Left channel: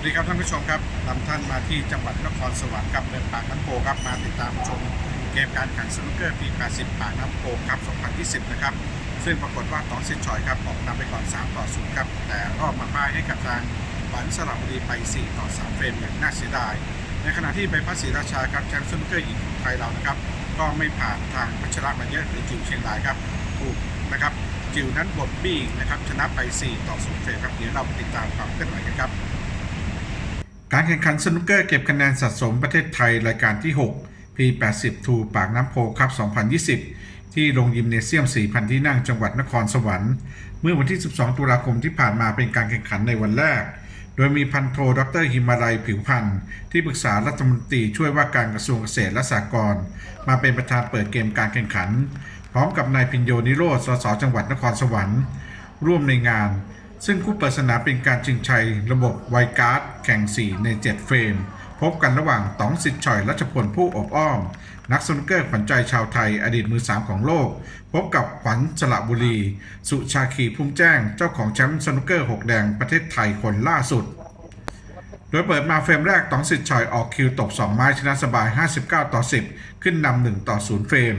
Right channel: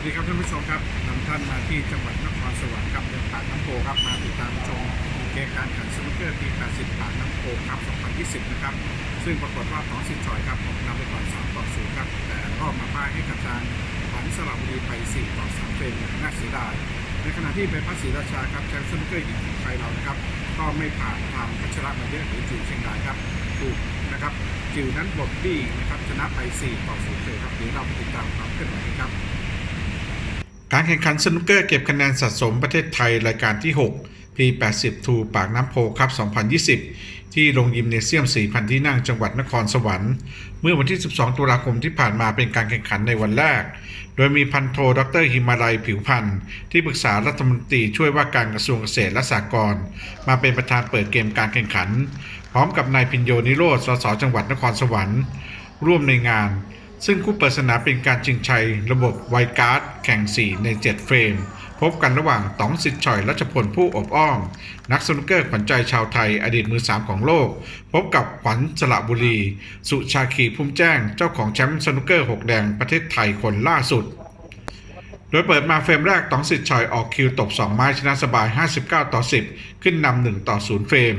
วัสดีครับท่านผู้ชมครับนำท่านมาที่จังหวัดนครสวรรค์ครับเดินปากน้ำโพครับมาติดตามชมเกมการแข่งสนุกเกอร์ปี 80 ปากน้ำโพครับ2020 นะครับ ซึ่งปรากฏว่าตองสิทธิ์ชอยครับออกนำไปก่อน 3 ต่อ 0 ครับ แต่รอบมาพ่ายให้กับทางฝันสระบุรีไป 4 ต่อ 3 เฟรมอย่างน่าเสียดาย ในขณะที่ใบพัดศรีราชาครับแชมป์สนุกเกอร์หญิงของไทยเรานะครับ ก็ไม่ผ่านทางพัชระมาเยอะหรือจิวเชียงรายครับถูกนะครับจิวนั้นบดบี้นะครับชนะไป 4 ต่อ 0 เฟรมครับเดี๋ยวเราไปติดตามความเคลื่อนไหวกันครับ การแข่งขันสนุกเกอร์เก็บคะแนนสะสมประเทศไทยรายการที่ 6 P80 ทูปากน้ำโพครับ 2020 ที่โรงยิมเนเซียม 4,000 ที่นั่งจังหวัดนครสวรรค์ เมื่อวันที่ 12 ตุลาคมที่ผ่านมาเป็นการแข่งขันในวันแรก โดยมีพันโทดรหิมาลัยผิวพันธ์ที่ปรึกษารัฐมนตรีช่วยว่าการกระทรวงเกษตรและสหกรณ์มาเป็นประธานเปิดเกมการแข่งขัน พร้อมกับนายพินโยนิโรธสสจังหวัดนครสวรรค์ ร่วมในงาน ซึ่งคู่เปิดสนามเป็นการชิงชัยระบบไวการ์ดแข่ง 4 ใน 7 เฟรม พบกันระหว่างต๋องสิทธิ์ชอยรัชพลผู้อบอ้อม นักสนุกเกอร์ขวัญใจชาวไทยอดีตมือ 3 ของโลก พบกับขวัญสระบุรี สุชาคีพุ่มแจ้งเจ้าของแชมป์สนุกเกอร์ 6 แดงประเทศไทยคนล่าสุด โดยเปิดมาเฟรมแรกตองสิทธิ์ชอยออกคิวตบ 2 ไม้ชนะสบาย 59 ต่อ 10 ขึ้นนำ1ต่อ 0 เฟรม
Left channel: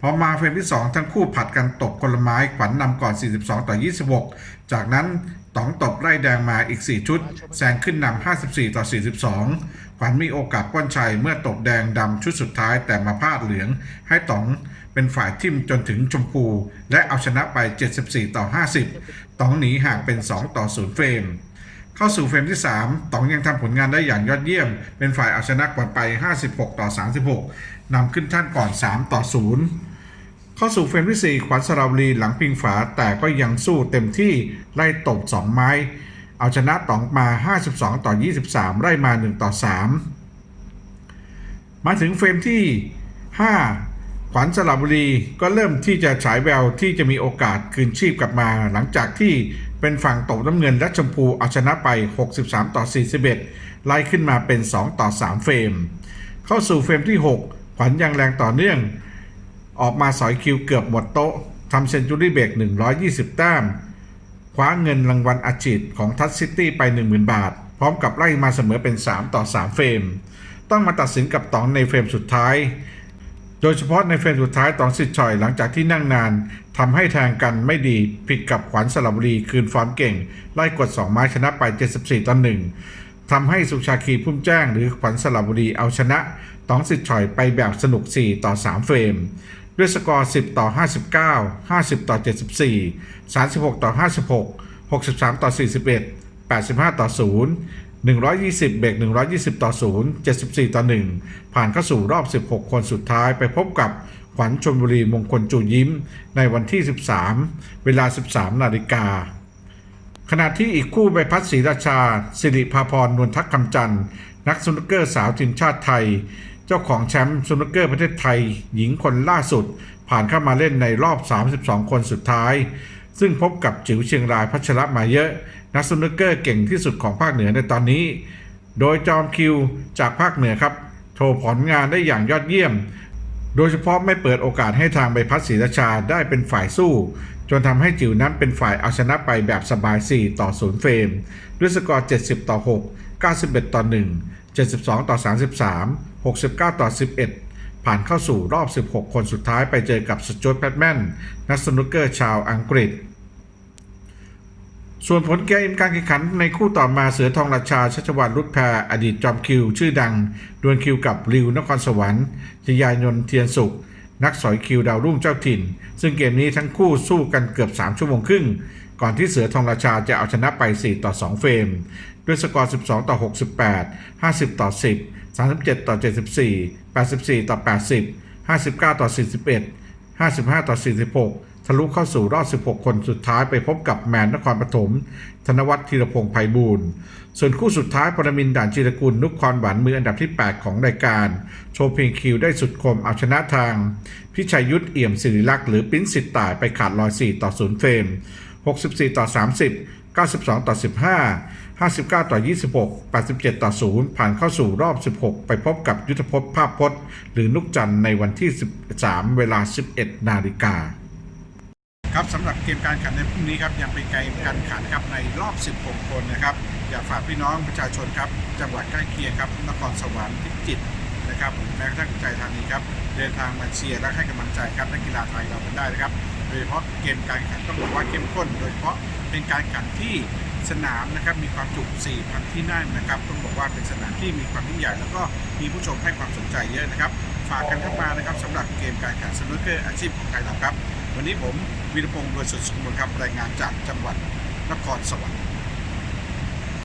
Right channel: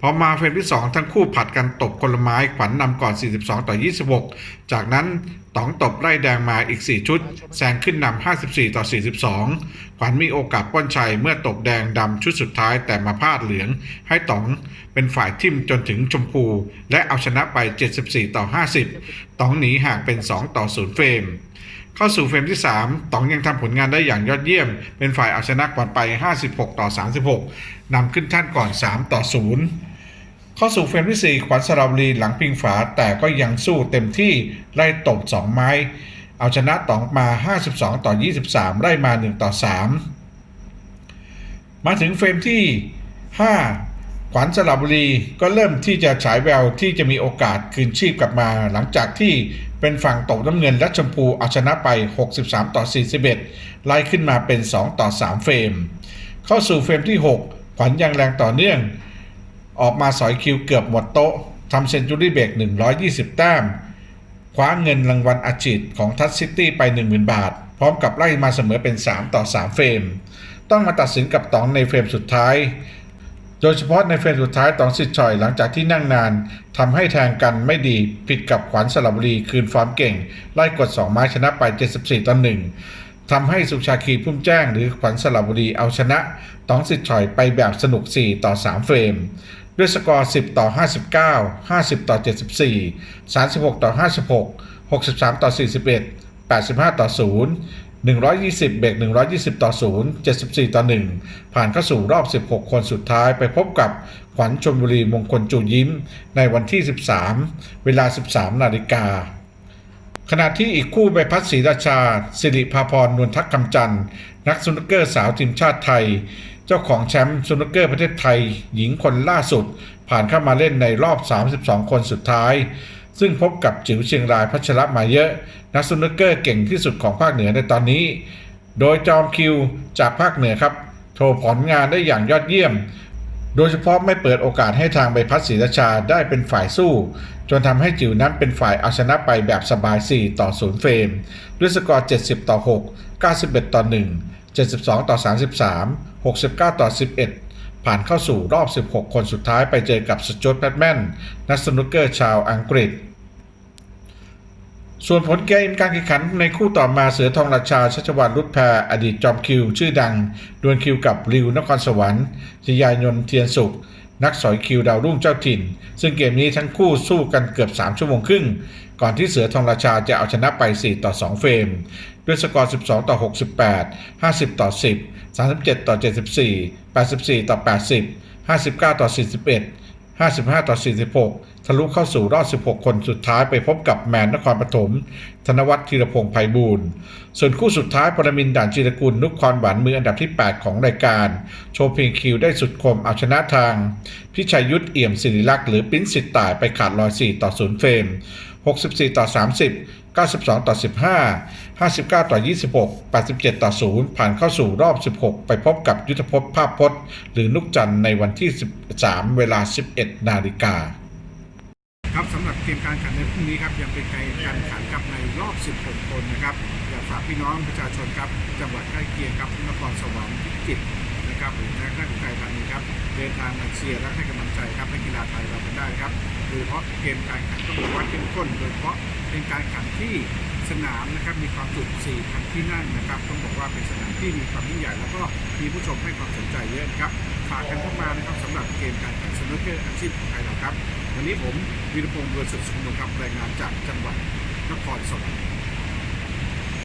พอมาเฟรมที่ 2 ทั้งคู่ผัดกันตบคนละไม้ขวัญนนำก่อน 42 ต่อ 26 จากนั้นตองตบไล่แดงมาอีก 4 ชุดแซงขึ้นนำ54 ต่อ 42 ขวัญมีโอกาสป้อนชัยเมื่อตบแดงดำชุดสุดท้ายแต่มาพลาดเหลือง ให้ตองเป็นฝ่ายทิมจนถึงชมพู และเอาชนะไป 74 ต่อ 50ตองหนีห่างเป็น 2 ต่อ 0 เฟรม เข้าสู่เฟรมที่ 3ต๋องยังทำผลงานได้อย่างยอดเยี่ยม เป็นฝ่ายเอาชนะก่อนไป 56 ต่อ 36นำขึ้นท่านก่อน 3 ต่อ 0 เข้าสู่เฟรมที่ 4 ขวัญสระบุรีหลังพิงฝา แต่ก็ยังสู้เต็มที่ไล่ตบ 2 ไม้ เอาชนะต๋องมา 52 ต่อ 23 ไล่มา 1 ต่อ 3 มาถึงเฟรมที่ 5 ขวัญสระบุรีก็เริ่มที่จะฉายแววที่จะมีโอกาสคืนชีพกลับมา หลังจากที่เป็นฝั่งตกน้ำเงินและชมพูเอาชนะไป 63 ต่อ 41 ไล่ขึ้นมาเป็น 2 ต่อ 3 เฟรม เข้าสู่เฟรมที่ 6 ขวัญยังแรงต่อเนื่อง ออกมาสอยคิวเกือบหมดโต๊ะทำเซนจูรี่เบรก120 แต้ม คว้าเงินรางวัลอาชีพของทัชซิตี้ไป 10,000 บาท พร้อมกับไล่มาเสมอเป็น 3 ต่อ 3 เฟรม ต้องมาตัดสินกับตองในเฟรมสุดท้าย โดยเฉพาะในเฟรมสุดท้ายตองสิทธิ์ชอยหลังจากที่นั่งนานทำให้แทงกันไม่ดีผิดกับขวัญสระบุรีคืนฟอร์มเก่ง ไล่กด 2 ไม้ชนะไป 74ต่อ1ทำให้สุชาคีพุ่มแจ้งหรือขวัญสระบุรีเอาชนะตองสิทธิ์ชอยไปแบบสนุก 4 ต่อ 3 เฟรม ด้วยสกอร์ 10 ต่อ 59 50 ต่อ 74 36 ต่อ 56 63 ต่อ 41 85 ต่อ 0 120 เบรก120 ต่อ 0 74 ต่อ 1 ผ่านเข้าสู่รอบ 16 คนสุดท้ายไปพบกับขวัญชนบุรีมงคลจูยิ้ม ในวันที่ 13 เวลา 13 นาฬิกา ขณะที่อีกคู่ใบพัดศรีราชา สิริภาพรนวลทักคำจันทร์นักสนุกเกอร์สาวทีมชาติไทย เจ้าของแชมป์สนุกเกอร์ประเทศไทย หญิงคนล่าสุด ผ่านเข้ามาเล่นในรอบ 32 คนสุดท้าย ซึ่งพบกับจิ๋วเชียงรายพัชระมาเยอะ นักสนุกเกอร์เก่งที่สุดของภาคเหนือในตอนนี้ โดยจอมคิวจากภาคเหนือครับ โชว์ผลงานได้อย่างยอดเยี่ยม โดยเฉพาะไม่เปิดโอกาสให้ทางใบพัดศรีราชาได้เป็นฝ่ายสู้ จนทำให้จิ๋วนั้นเป็นฝ่ายเอาชนะไปแบบสบาย 4 ต่อ 0 เฟรม ด้วยสกอร์ 70 ต่อ 6 91 ต่อ 1 72 ต่อ 33 69 ต่อ 11 ผ่านเข้าสู่รอบ 16 คนสุดท้ายไปเจอกับสจอตแพทแมนนักสนุกเกอร์ชาวอังกฤษ ส่วนผลเกมการแข่งขันในคู่ต่อมาเสือทองราชาชัชวานรุดแพรอดีตจอมคิว ชื่อดัง ดวลคิวกับริวนครสวรรค์ชยายนนเทียนสุข นักสอยคิวดาวรุ่งเจ้าถิ่น ซึ่งเกมนี้ทั้งคู่สู้กันเกือบ 3 ชั่วโมงครึ่ง ก่อนที่เสือทองราชาจะเอาชนะไป 4 ต่อ 2 เฟรม ด้วยสกอร์ 12 ต่อ 68 50 ต่อ 10 37 ต่อ 74 84 ต่อ 80 59 ต่อ 41 55 ต่อ 46 ทะลุเข้าสู่รอบ 16 คนสุดท้ายไปพบกับแมนนครปฐม ธนวัฒน์ธีรพงษ์ไพบูลย์ส่วนคู่สุดท้ายปรมินด่านจิรกุลนุกคอนหวานมืออันดับที่ 8 ของรายการ โชว์เพลงคิวได้สุดคมเอาชนะทาง พิชัยยุทธเอี่ยมศิริลักษ์หรือปิ้นสิทธิ์ตายไปขาดลอย 4 ต่อ 0 เฟรม 64 ต่อ 30 92 ต่อ 15 59 ต่อ 26 87 ต่อ 0 ผ่านเข้าสู่รอบ 16 ไปพบกับยุทธพจน์ภาพพจน์ หรือนุกจันทร์ในวันที่ 13 เวลา 11 นาฬิกา ครับสำหรับเกมการแข่งขันในพรุ่งนี้ครับยังเป็นเกมการแข่งขันครับในรอบ 16 คนนะครับ อยากฝากพี่น้องประชาชนครับจังหวัดใกล้เคียงครับนครสวรรค์พิจิตรนะครับหรือแม้กระทั่งอุทัยธานีครับเดินทางมาเชียร์และให้กำลังใจครับนักกีฬาไทยเรากันได้นะครับโดยเฉพาะเกมการแข่งขันต้องบอกว่าเข้มข้น โดยเฉพาะเป็นการแข่งขันที่สนามนะครับมีความจุ 4,000 ที่นั่งนะครับต้องบอกว่าเป็นสนามที่มีความยิ่งใหญ่ แล้วก็มีผู้ชมให้ความสนใจเยอะนะครับฝากกันเข้ามานะครับสำหรับเกมการแข่งขันสนุกเกอร์อาชีพของไทยเราครับ วันนี้ผมวีรพงศ์บริสุดสมบูรณ์ครับรายงานจากจังหวัดนครสวรรค์